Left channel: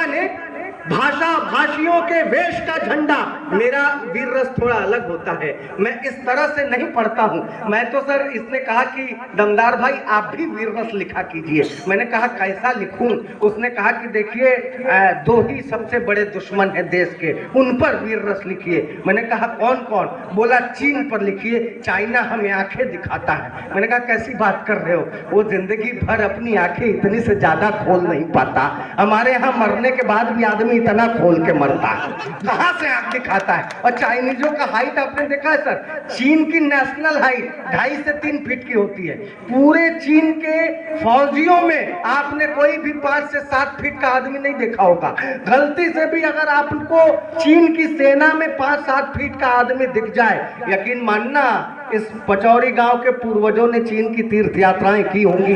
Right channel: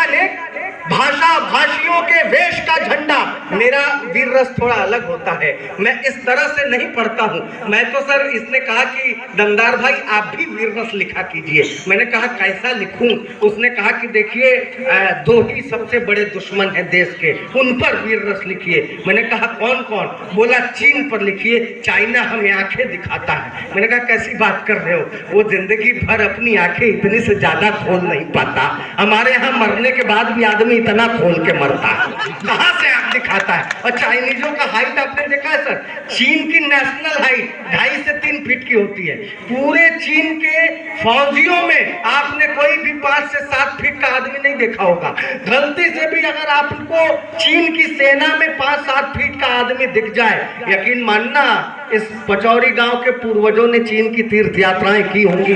अनेकानेक भाषा भाषियों के वेश का झंडा। मेरा वीर रस थोड़ा अलग होता है, मैं इस तरह से नहीं पढ़ता हूँ। मैं तो सर, इसने कहा कि दमदार भाई आप भी वीर रस लिखा कीजिए। मैंने कहा कैसा लिखूं? उसने कहा कि देखिए दो ही सबसे बड़े दुश्मन हैं देश के, उन पर वीर रस लिखिए। मैंने कहा कौन कौन? बोला चीन पर लिखिए, चाइना हमें आंखें दिखाता है। मैंने कहा कैसी बात कर रहे हो? वो जिंदगी भर अपनी आंखें इतनी से ज्यादा खोल नहीं पाता। हमारे यहाँ मरने के बाद भी आदमी इतना खोल के मरता है, कहाँ से आंख दिखाता है? और चाइनीजों का हाइट आपने देखा है सर? चीन की नेशनल हाइट 2.5 से 3 फीट की होती है। पूरे चीन के फौजियों में आपने कोई भी 5 से 7 फीट का आदमी नहीं देखा होगा। गलती से भी अगर आपको चीन की सेना में 5-7 फीट का आदमी दिख जाए, यकीन मानना इस पचौरी गांव के पूर्वजों ने चीन की तीर्थ यात्राएं की होंगी।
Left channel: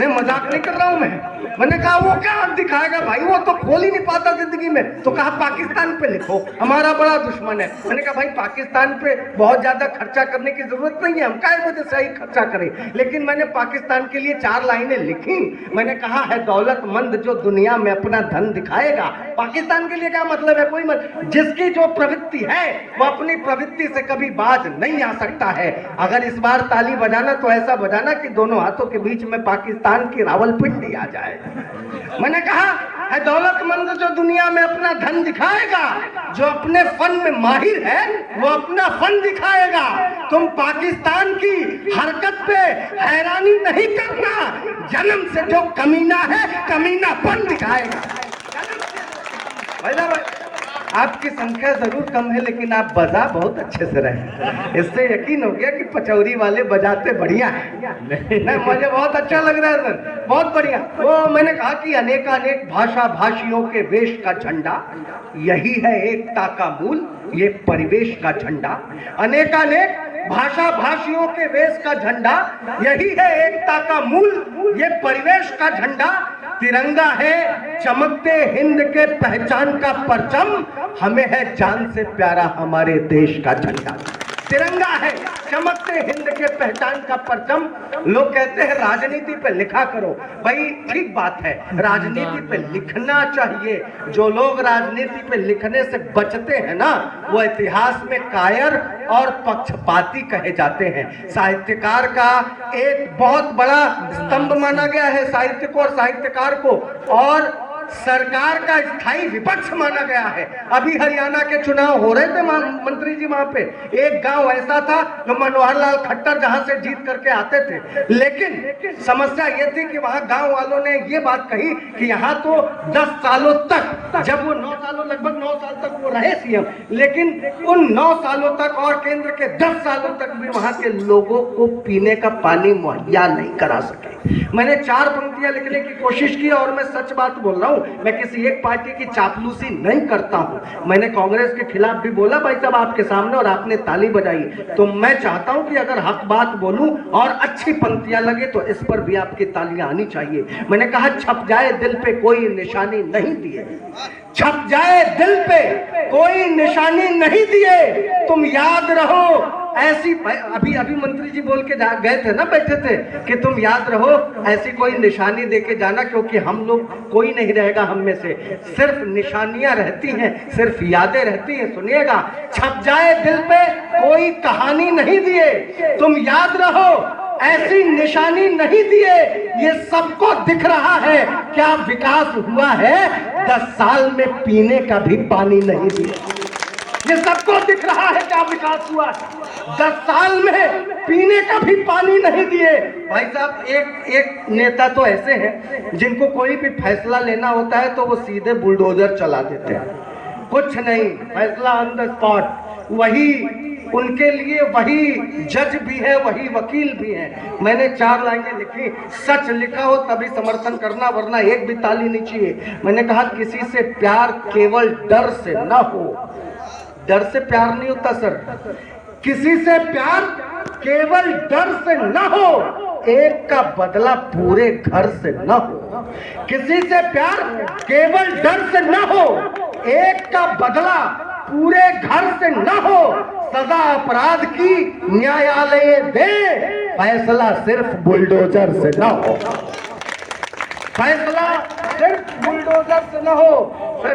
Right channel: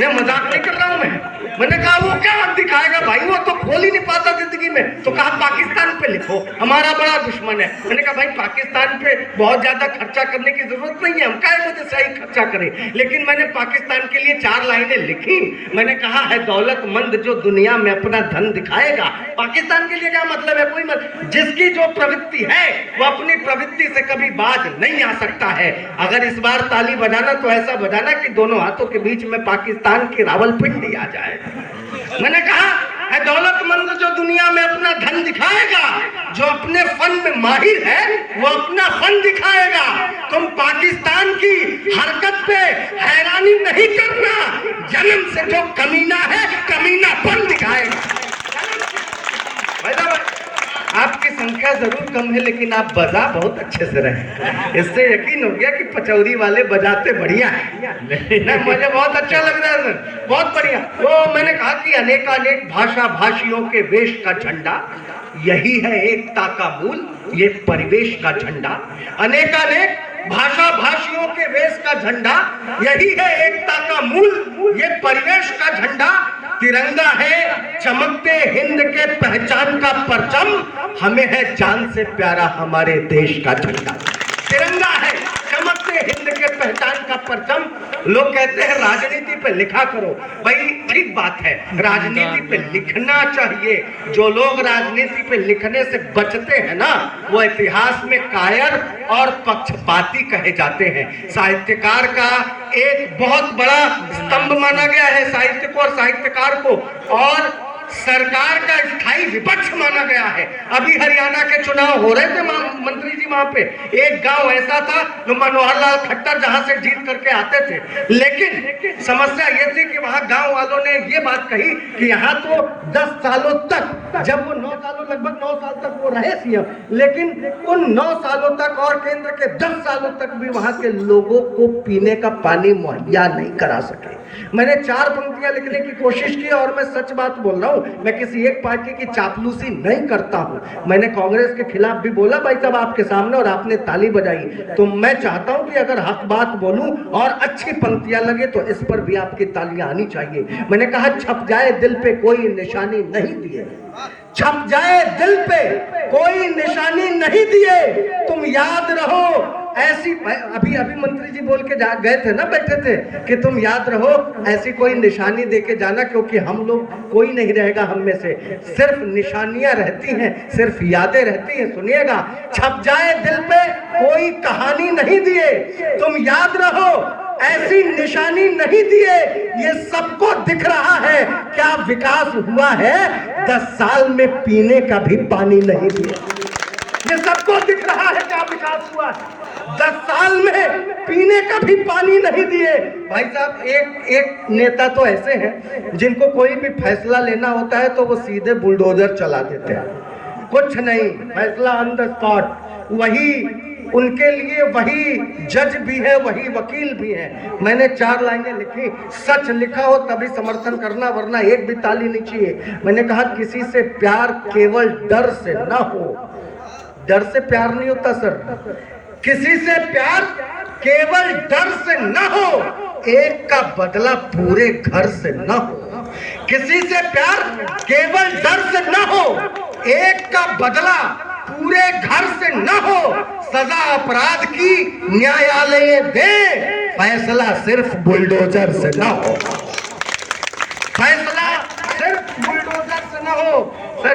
मैं मजाक नहीं कर रहा हूं। मैंने कहा वो क्या दिखाएगा भाई, वो तो खोल ही नहीं पाता जिंदगी में। तो कहा पाकिस्तान पे लिखो, हमारा बड़ा दुश्मन है। मैंने कहा भाई पाकिस्तान पे बहुत ज्यादा खर्चा करने की जरूरत नहीं है, हम काय वजह से ही खर्चा करें। लेकिन मैंने पाकिस्तान के लिए 4 लाइनें लिखी। मैंने कहा है दौलतमंद जो दुनिया में अपना धन दिखाएगा। पाकिस्तान के लिए क्या मतलब है? कोई मतलब, जिसकी जो प्रवृत्ति है वो अपनी प्रवृत्ति से कभी बाज नहीं आ सकता है। अगर इस बार ताली बजाना तो ऐसा बजाना कि दोनों हाथों के बीच में पाकिस्तान की रावलपिंडी आ जाए। मैंने कहा है दौलतमंद जो दुनिया में अपना धन दिखाएगा, जो अपने फन में माहिर है वो अपना फन दिखाएगा। तुम पाकिस्तान की हरकत पे हैरानी नहीं करना, जन्म से जो कमीना है कमीनापन दिखाएगा। आपकी संख्या जरूर कम है लेकिन आप बजा बहुत अच्छे से रहे। इससे यकीन हो गया कि पचौरी वाले बजाते बढ़िया है। नहीं, मुझे बहुत अच्छा लग रहा है सर, बहुत बढ़िया। वो मैंने कहा कि अनेकानेक भाषा भाषियों के वेश का झंडा, यही है एकता का मूल, ये परिवेश का झंडा। अनेकानेक भाषा भाषियों के वेश का झंडा, यही है एकता का मूल, ये परिवेश का झंडा। तिरंगा है चमकते हिंद के पहचान का परचम, हमें है जान से प्यारा हमारे देश का झंडा। तिरंगा है चमकते हिंद के पहचान का परचम। लोग कहते हैं राजनीति पे लिखा करो, भाई ठीक बात है, राजनीति पे लिखना चाहिए। जो लोग राजनीति पे लिखने से बचते हैं ना, वो इतिहास में कायर और पक्षपाती कहे जाते हैं। साहित्यकार का एक बहुत बड़ा स्तंभ माना गया है साहित्य को और साहित्यकार को, और सरकार का स्थायी विपक्ष माना गया है। अभी हरियाणा के चुनाव हो रहे थे मंत्री जी, वहां पे एक गांव ऐसा था जो मनोहर लाल खट्टर जहां से जीत करके आते थे, लेकिन समस्या ये थी कि वहां गांव वालों ने ये बात कही कि यहाँ तो 10 सालों तक, जब वो 9 सालों लगभग 9 साल तक वो रहे सीएम, लेकिन उन 9 सालों तक और केंद्र के 10 सालों तक भी वहां के लोगों को पीने का पानी मुहैया नहीं करा सके। मैंने 4 पंक्तियां लिखने की कोशिश की और मैं सच बात बोल रहा हूं, मैं किसी एक पार्टी की चापलूसी नहीं करता हूं। मैंने कांग्रेस के खिलाफ भी बोला भाई साहब आपके सामने, और आपने ताली बजाई। तो मैं चाहता हूं कि अगर हक बात बोलूं और अच्छी पंक्तियां लगे तो इस पर भी आपकी तालियां आनी चाहिए। मैंने कहा छप जाए दिल पे कोई निशानी नहीं दिए, छप जाए दिल पे कोई निशानी नहीं दिए, तुम याद रहो ऐसी, अभी मंत्री जी बोल के गए थे ना, बैठे थे कि तुम याद रहो ऐसी कोई निशानी देके जाना, क्योंकि हम लोग कोई नहीं रहेगा हम में से, सिर्फ निशानियां रहती हैं, सिर्फ यादें रहती हैं। सुनिएगा, छप जाए दिल पे कोई कहानी नहीं दिए, तुम याद रहो ऐसी निशानी नहीं दिए। ये सबको दिख रहा है क्या विकास हुआ है, 10 साल में पीने का भी पानी नहीं दिया। ये सबको दिख रहा है क्या विकास हुआ है, 10 साल में पीने का भी पानी नहीं दिए। भाई साहब एक नेता तो ऐसे हैं जिनको कोई भी फैसला लेना होता है तो वो सीधे बुलडोजर चला देते हैं, कुछ नहीं, फैसला ऑन द स्पॉट। वही उनके लिए वही जज भी है, वही वकील भी है। मैंने 4 लाइनें लिखी, सच लिखा हो तभी समर्थन करना, वरना एक भी ताली नहीं चाहिए। मैंने कहा किसी से प्यार केवल डर से ना हो, डर से प्यार नहीं होता सर, किसी से प्यार केवल डर से न हो, एक का बदला पूरे घर से न हो। किसी से प्यार केवल डर से न हो, एक का बदला पूरे घर से न हो। सजा अपराध की न्यायालय दे, फैसला सिर्फ बुलडोजर से न हो, फैसला सिर्फ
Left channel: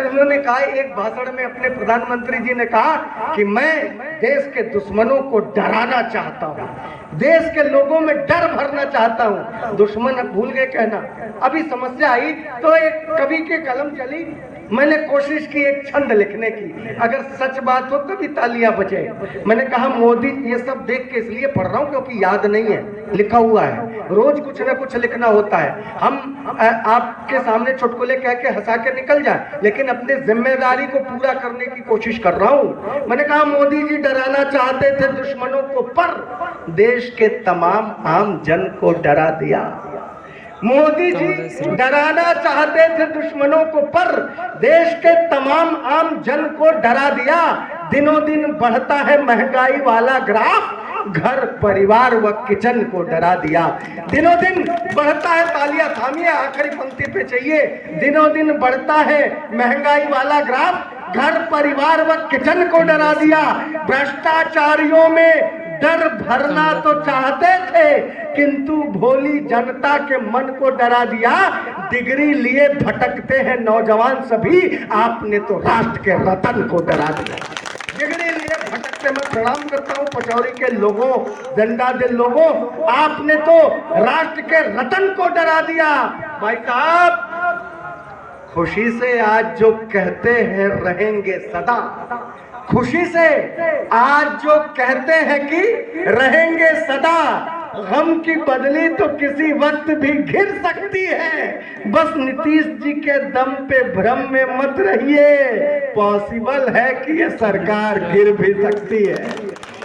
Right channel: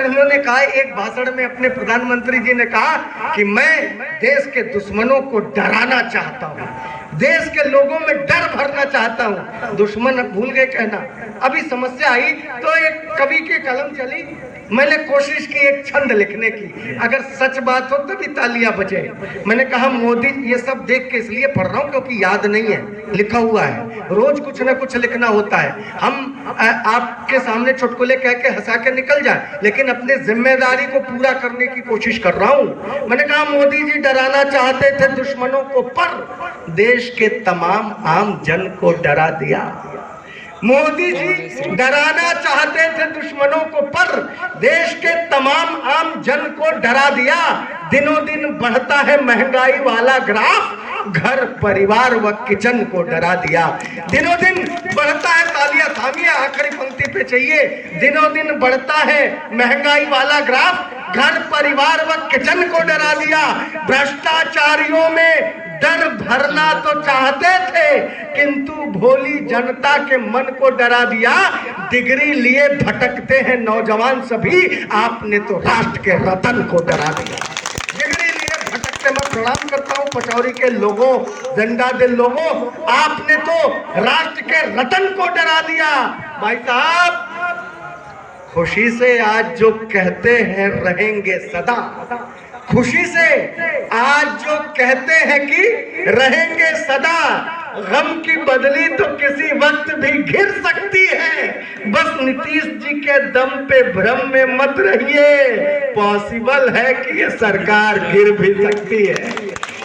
उन्होंने कहा एक भाषण में, अपने प्रधानमंत्री जी ने कहा कि मैं देश के दुश्मनों को डराना चाहता हूँ, देश के लोगों में डर भरना चाहता हूँ। दुश्मन भूल गए कहना। अभी समस्या आई तो एक कवि की कलम चली, मैंने कोशिश की एक छंद लिखने की, अगर सच बात हो तभी तालियां बजे। मैंने कहा मोदी, ये सब देख के इसलिए पढ़ रहा हूँ क्योंकि याद नहीं है, लिखा हुआ है, रोज कुछ ना कुछ लिखना होता है। हम आपके सामने चुटकुले कह के हंसा के निकल जाए, लेकिन अपनी जिम्मेदारी को पूरा करने की कोशिश कर रहा हूँ। मैंने कहा मोदी जी डराना चाहते थे दुश्मनों को, पर देश के तमाम आम जन को डरा दिया। मोदी जी डराना चाहते थे दुश्मनों को, पर देश के तमाम आम जन को डरा दिया। दिनों दिन बढ़ता है महंगाई वाला ग्राफ, घर परिवार व किचन को डरा दिया। दिनों दिन बढ़ता है, तालियां थामिए, आखिरी पंक्ति पे चाहिए। दिनों दिन बढ़ता है महंगाई वाला ग्राफ, घर परिवार व किचन को डरा दिया। भ्रष्टाचारियों में डर भरना तो चाहते थे, किंतु भोली जनता के मन को डरा दिया। डिग्री लिए भटकते हैं नौजवान सभी, आपने तो राष्ट्र के रतन को डरा दिया। डिग्री लिए भटकते, मैं प्रणाम करता हूँ पचौरी के लोगों, जिंदा दिल लोगों, आपने तो राष्ट्र के रतन को डरा दिया। भाई साहब, खुशी से आज जो कहते हैं रहेंगे सदा, खुशी से आज जो कहते हैं कि रहेंगे सदा, गम की बदली तो किसी वक्त भी घिर सकती है। बस नीतीश जी के दम पे भ्रम में मत रहिए, पॉसिबल है कि ये सरकार गिर भी सकती है।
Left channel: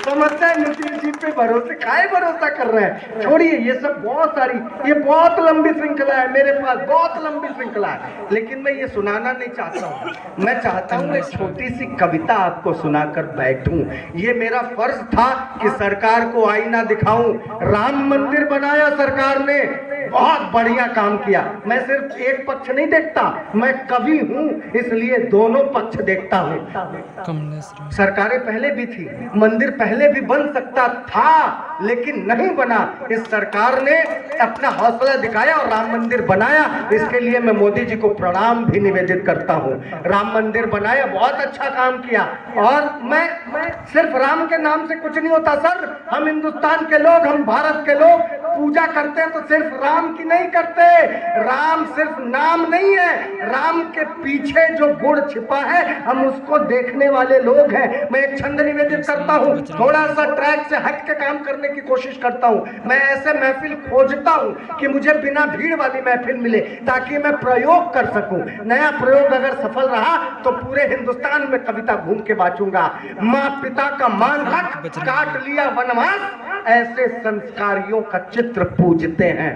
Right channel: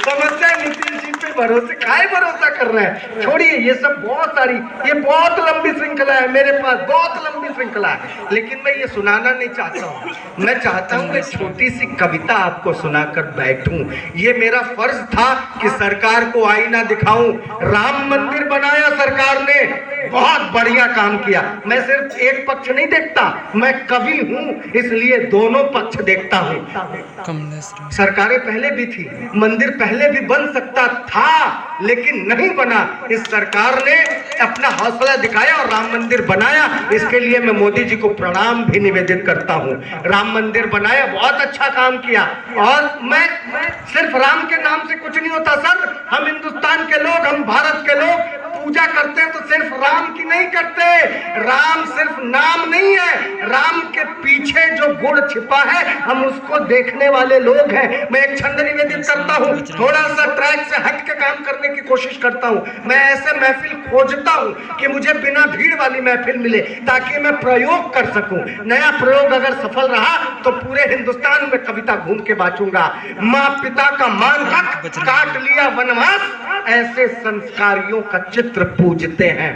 समझते हैं नीतीश जी पे भरोसे, काहे भरोसा कर रहे हैं, छोड़िए ये सब, बहुत सारी, ये बहुत लंबी श्रृंखला है मेरे पास, बहुत लंबी श्रृंखला है, लेकिन मैं ये सुनाना नहीं चाहता हूँ। मैं चाहता हूँ एक छोटी सी कविता आपको सुनाकर बैठूं। ये मेरा फर्ज था कि सरकार को आईना दिखाऊं। राम मंदिर बनाया सरकार ने, बहुत बढ़िया काम किया। मैं सिर्फ एक पक्ष नहीं देखता, मैं कवि हूँ इसलिए दोनों पक्ष देखता हूँ। सरकारें पहले भी थी, मंदिर पहले भी बन सकता था, लेकिन नहीं बना। इस सरकार ने अपना हौसला दिखाया और राम मंदिर बनाया। इसके लिए मैं मोदी जी को प्रणाम भी निवेदित करता हूँ। राम मंदिर बनाया, बहुत अच्छा काम किया। और मैं सिर्फ राम के नाम से कुछ नहीं होता सर, हम हिंदुस्तान के लोग, हम भारत के लोग पूजा करते हैं तो सिर्फ राम की नहीं करते। राम सिर्फ नाम नहीं है, राम के पीछे जो गुण छिपा है हम उसको देखने वाले लोग हैं। मैं एक छंद निवेदित करता हूँ, थोड़ा सा ट्रैक से हट के काम करने की कोशिश करता हूँ। मैं ऐसे महफिल खोजता हूँ कि मुझे बिना भीड़ वाली महफिल मिले, ताकि मैं प्रयोग कर सकूं। नया प्रयोग अगर सफल रहा तो पूरे हिंदुस्तान में कविता घूम के बांटूंगा। माँ पिता का मान रख, काट लिया वनवास, ऐसे संस्कारियों का चित्र पूजते हैं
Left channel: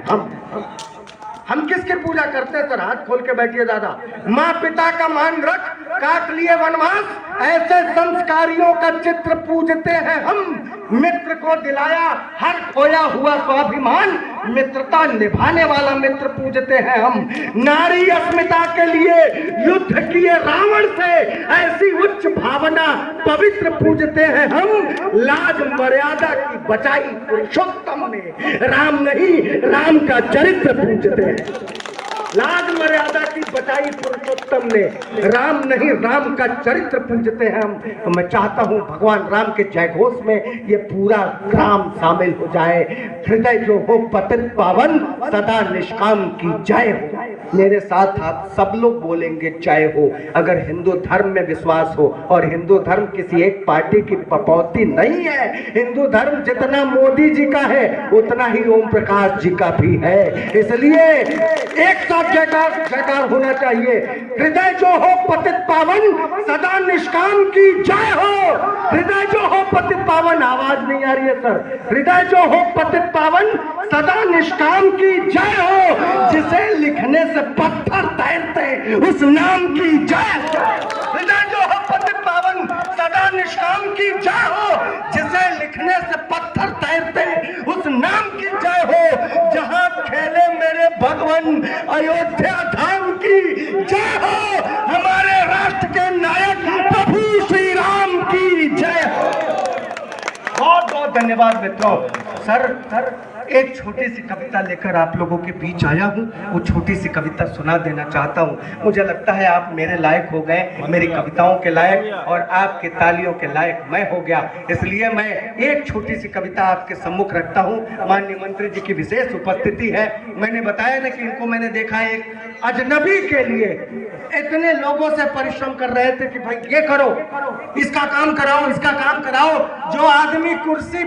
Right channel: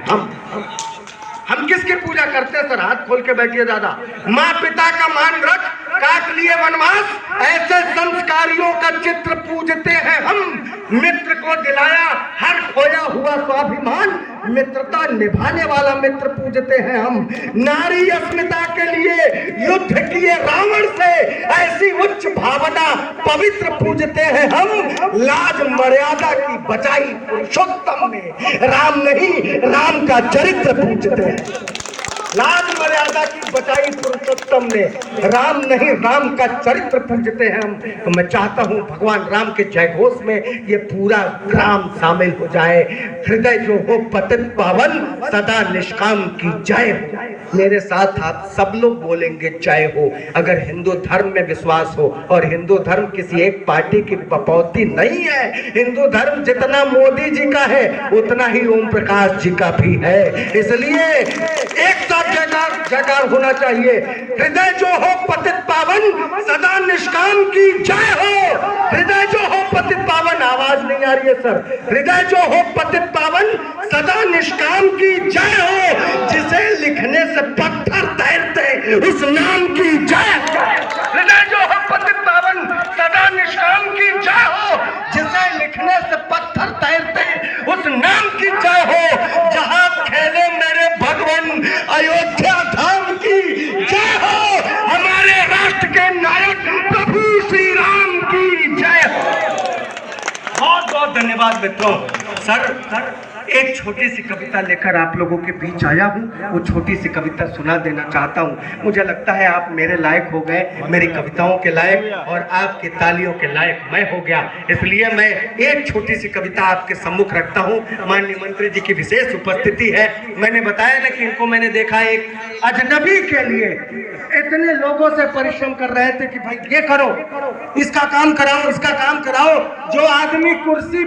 हम किसकी पूजा करते हैं सर? हाथ खोल के बैठिए दादा। माँ पिता का मान रख, काट लिए वनवास, ऐसे संस्कारियों का चित्र पूजते हैं हम। मित्र को दिलाया हर खोया हुआ स्वाभिमान, मित्रता निभाने वाला मित्र पूजते हैं हम। नारी अस्मिता के लिए युद्ध किए रावण से, ऐसी उच्च भावना पवित्र पूजते हैं हम। लाज मर्यादा की बचाई पुरुषोत्तम ने, राम नहीं राम का चरित्र पूजते हैं। लाज मर्यादा की बचाई पुरुषोत्तम ने, राम नहीं राम का चरित्र पूजते हैं हम। तो मैं चाहता हूं भगवान राम के जयघोष में ये पूरा ग्राम शामिल हो जाए। हृदय जो हो पतित पावन, सदा निष्काम की जय हो। मेरे साथ आप सब लोग बोलेंगे जय हो। अगर हिंदू धर्म में विश्वास हो, और हिंदू धर्म किसी एक पार्टी की पपौती नहीं है, हिंदू धर्म जितना मोदी जी का है उतना ही ओम प्रकाश जी का भी है। इसलिए एक साथ जयकार होना चाहिए। हृदय जो हो पतित पावन, सदा निष्काम की जय हो। हृदय जो हो पतित पावन, आवाज नहीं आ रही है सर। हृदय जो हो पतित पावन, सदा निष्काम की जय हो। जिसे लिखने से पत्थर तैरते उस नाम की जय। हृदय जो हो पतित पावन, सदा निष्काम की जय हो। जिसे लिखने से पत्थर तैरते उस नाम की जय हो। जहां खेले मेरे भगवान अयोध्या धाम की जय हो। हमारे राष्ट्र के नायक प्रभु श्री राम की जय हो। बहुत बहुत धन्यवाद मित्रों। सर एक छोटी सी कविता लेकर आप लोगों के बीच आया हूँ। वो छोटी सी कविता सुना देना चाहता हूँ। मुझे लगता है आप मेरे लायक हो गए, मेरी कविताओं के लायक, और आपकी तालियों के लायक मैं हो गया। इसलिए मैं एक छोटी सी कविता आपके सम्मुख रखता हूँ। माननीय मंत्री जी की विशेष उपस्थिति है। मैंने बताया ना कि इनको मैंने देखा एक अजनबी के लिए इतने लोगों से परिश्रम कर रहे थे कि भाई ये करो, इसका काम कराओ, इसका काम कराओ। जो आदमी कुर्सी